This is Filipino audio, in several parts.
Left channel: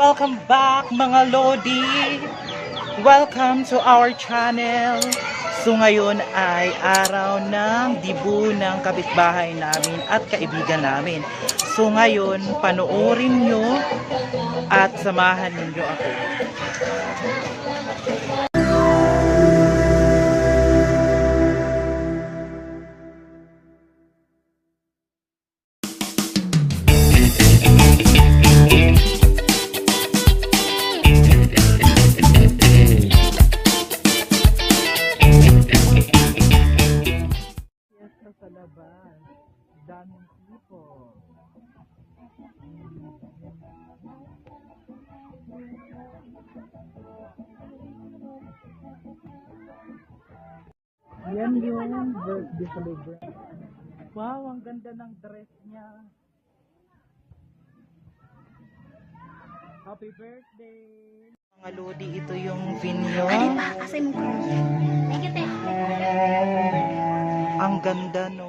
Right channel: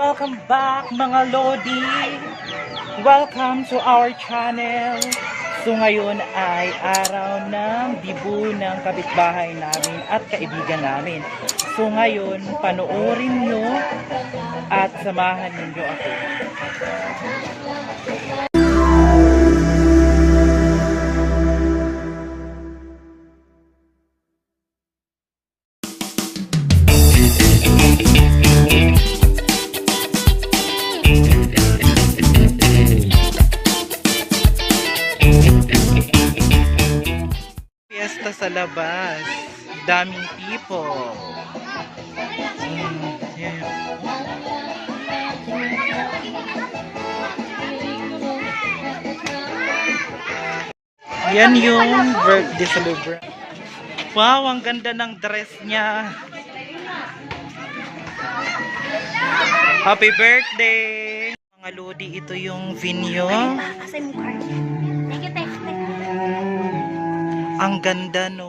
Welcome back mga Lodi! Welcome to our channel! So ngayon ay araw ng dibu ng kapitbahay namin at kaibigan namin. So ngayon, panoorin nyo at samahan ninyo ako. Sa labas, daming people. Yeah. Yan yung birthday celebration. Wow, ang ganda ng dress niya. Happy birthday! Mga Lodi, ito yung venue. Ang ganda, no?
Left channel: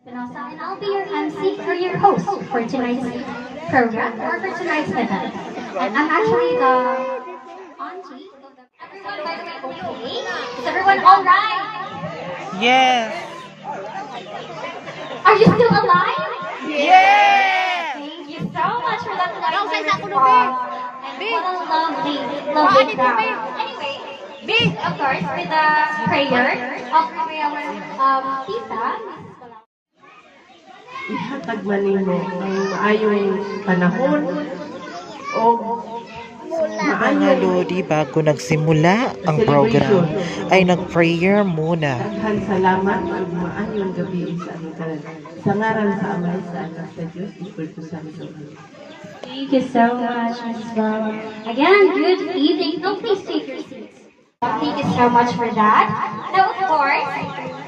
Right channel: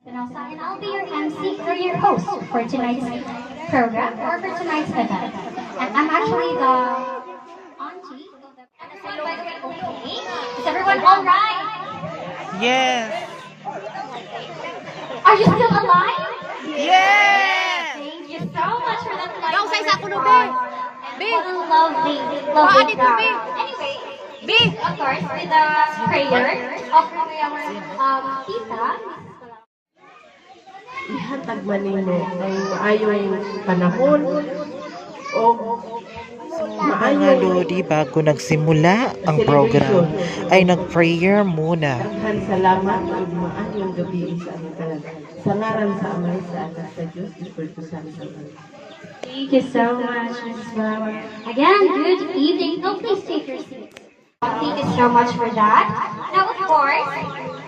And I'll be your MC or your host for tonight's program or for tonight's event. And I'm actually the auntie. Everyone, by the way, okay? Is everyone all right? Yes! Are you still alive? Yes! Thank you so much for that light. And what a lovely crowd. Anyway, of course, with the prayer of our tita. Ihatag manimo ang ayong panahon o Mga Lodi, bago nagsimula ang program, ay nag-prayer muna. Daghan salamat ug maayong gabi sa among tanan. Sa ngaran sa Ama sa Anak sa Dios, Espiritu Santo. Thank you so much, Mrs. Flower. Again, good evening. So please take your seats. Thank you so much for that. Now, of course,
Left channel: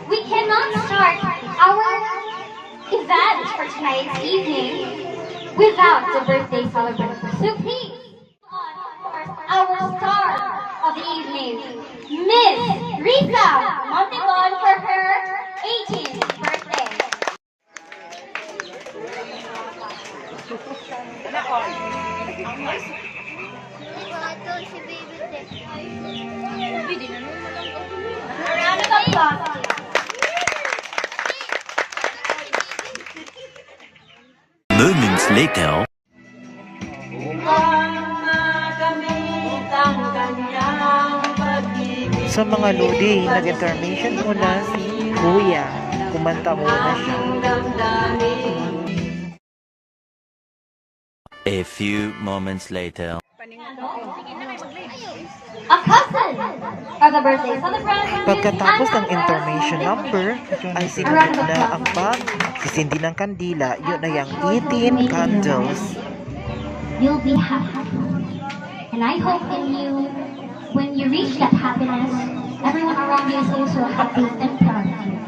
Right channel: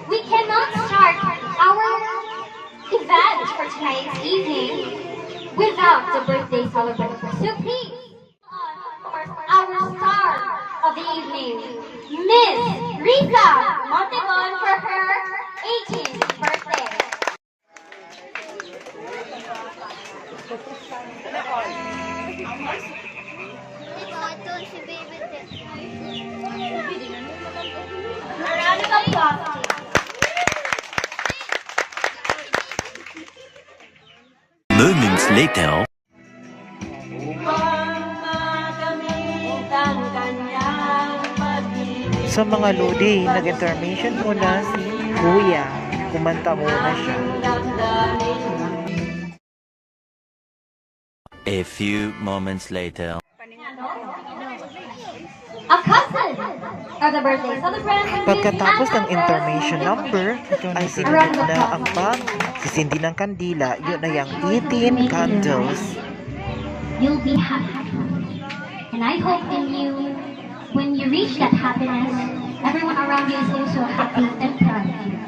we cannot start our event for tonight's evening without the birthday celebration. So please, our star of the evening, Miss Risa Montegon, for her 18th birthday. A round of applause. Moments later. Sa mga Lodi, nag-intermission muna si Kuya. Kumanta muna siya. A few moments later. A cousin of the birthday celebrant. Pagkatapos ng intermission number, ay sinunod na ang pagsisindi ng kandila. Yun na yung 18 candles. You'll be happy. And I hope when you reach that happiness, everyone around you is also happy and proud of you.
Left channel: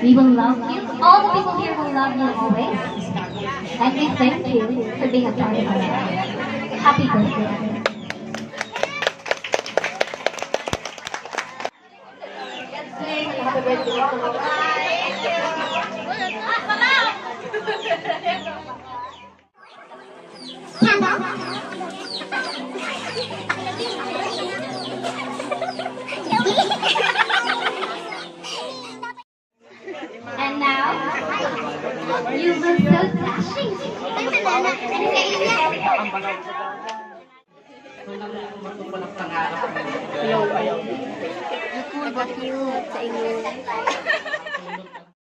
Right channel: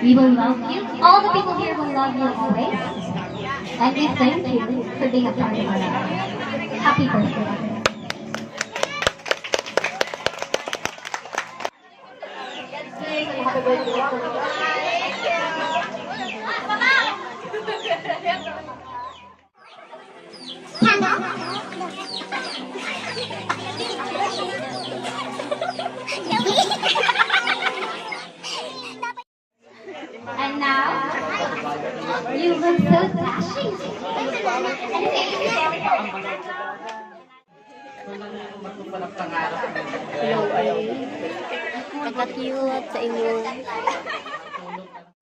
We will love you. All the people here will love you always. And we thank you for being a part of our life. Happy birthday. And now, you look so dashing.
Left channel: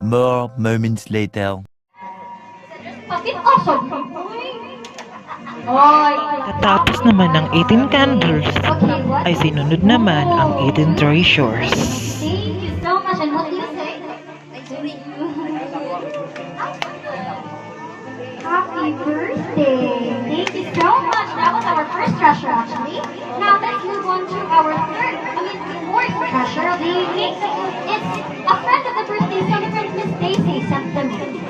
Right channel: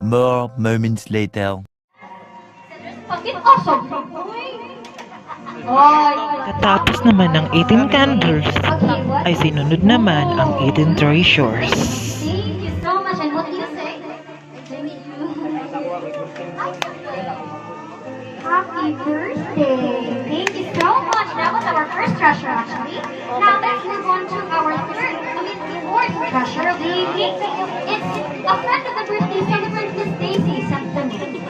More moments later. Okay, awesome. Oh, Katapos naman ng 18 candles, ay sinunod naman ang 18 treasures. thank you so much. And what do you say? Thank you. Happy birthday. Thank you so much. That was our first treasure, actually. Now let's move on to our fourth treasure of the evening. It's a friend of the birthday celebrant, Miss Daisy, sent them in.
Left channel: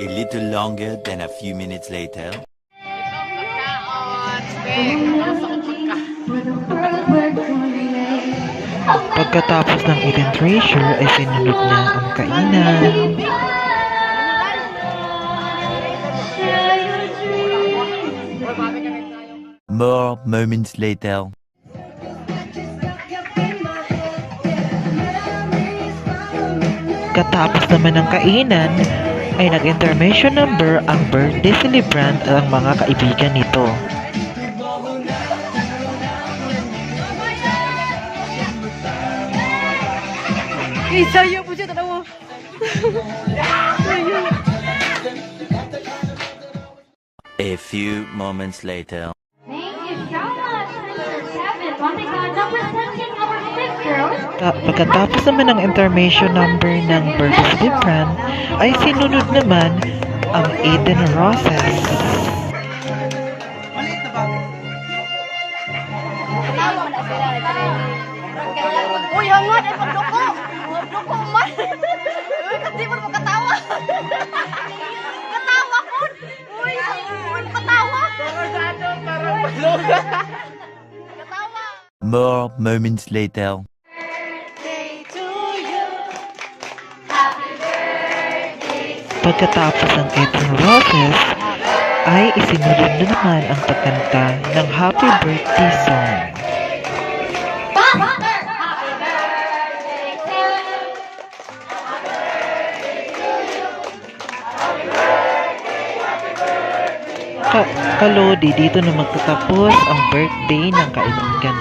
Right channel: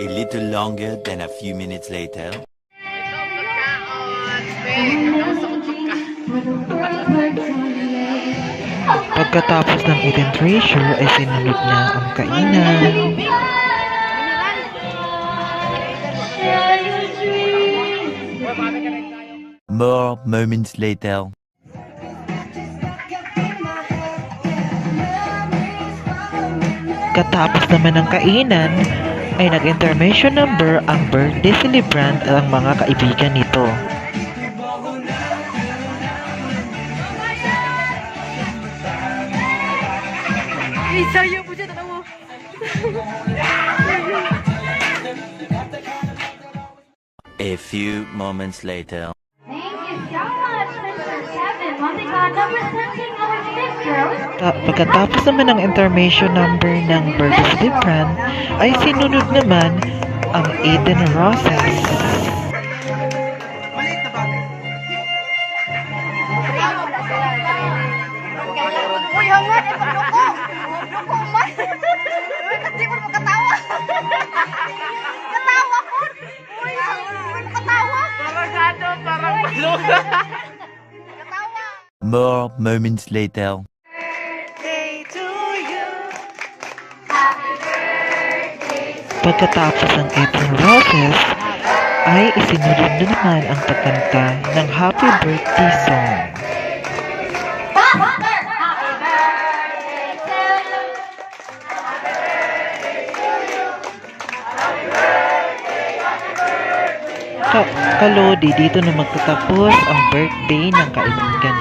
A little longer than a few minutes later. Pagkatapos ng eating treasure ay sinunod na ang kainan. More moments later. Katapos naman ng kainan, ay nag-intermission number ang birthday celebrant at ang mga kaibigan nito. A few moments later. Thank you so much, Mr. Kevin. Montecado, representing our sister. Pagkatapos naman ng intermission number ng birthday celebrant, ay sinunod naman ang Eden Roses. Uy, hawad, ay pagduko! Pagduko, man! Hindi mo makatawa! Katawa ko! Uy, makatawa! More moments later. Pagkatapos ng Eden Roses, ay isinunod na naman ang pagkanta ng Happy Birthday song. Kalodi, dito na magtatapos ang birthday ng kaibigan